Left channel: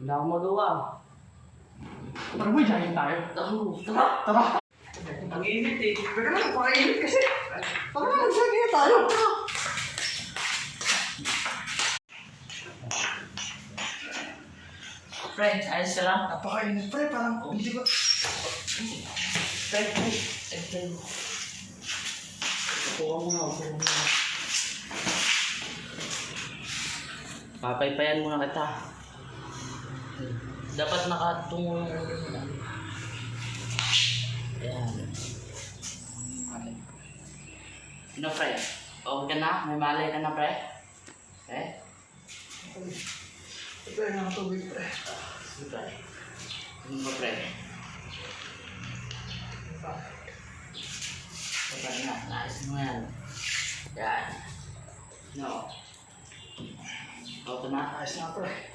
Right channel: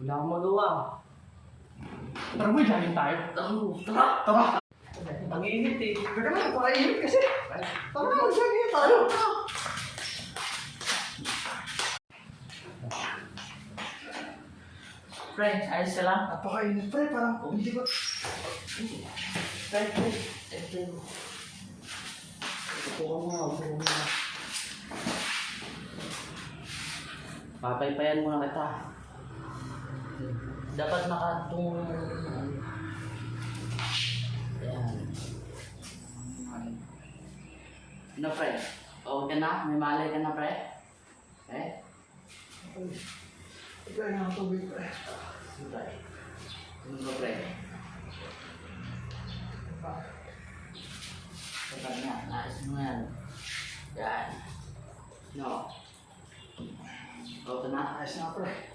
Wala akong magawa. Tara boy, jogging tayo. Tara! Tara! Ang init eh. Teka lang, napakainit kasi. Tara na, mag-jogging tayo. Pre, ayos ka lang? Napakainit pre, parang hindi ko... Pre, ito. Upo ka muna. Papaypayan muna kita. Dapat nakatungo yung Ayan. Ano pre? Okay ka na? May malay ka na pre? Ito yung mga tubig pre. Sige pre. Ano ba pre? Baba na. Naayos mo yan. Yan. No. Okay na? Ayos na pre.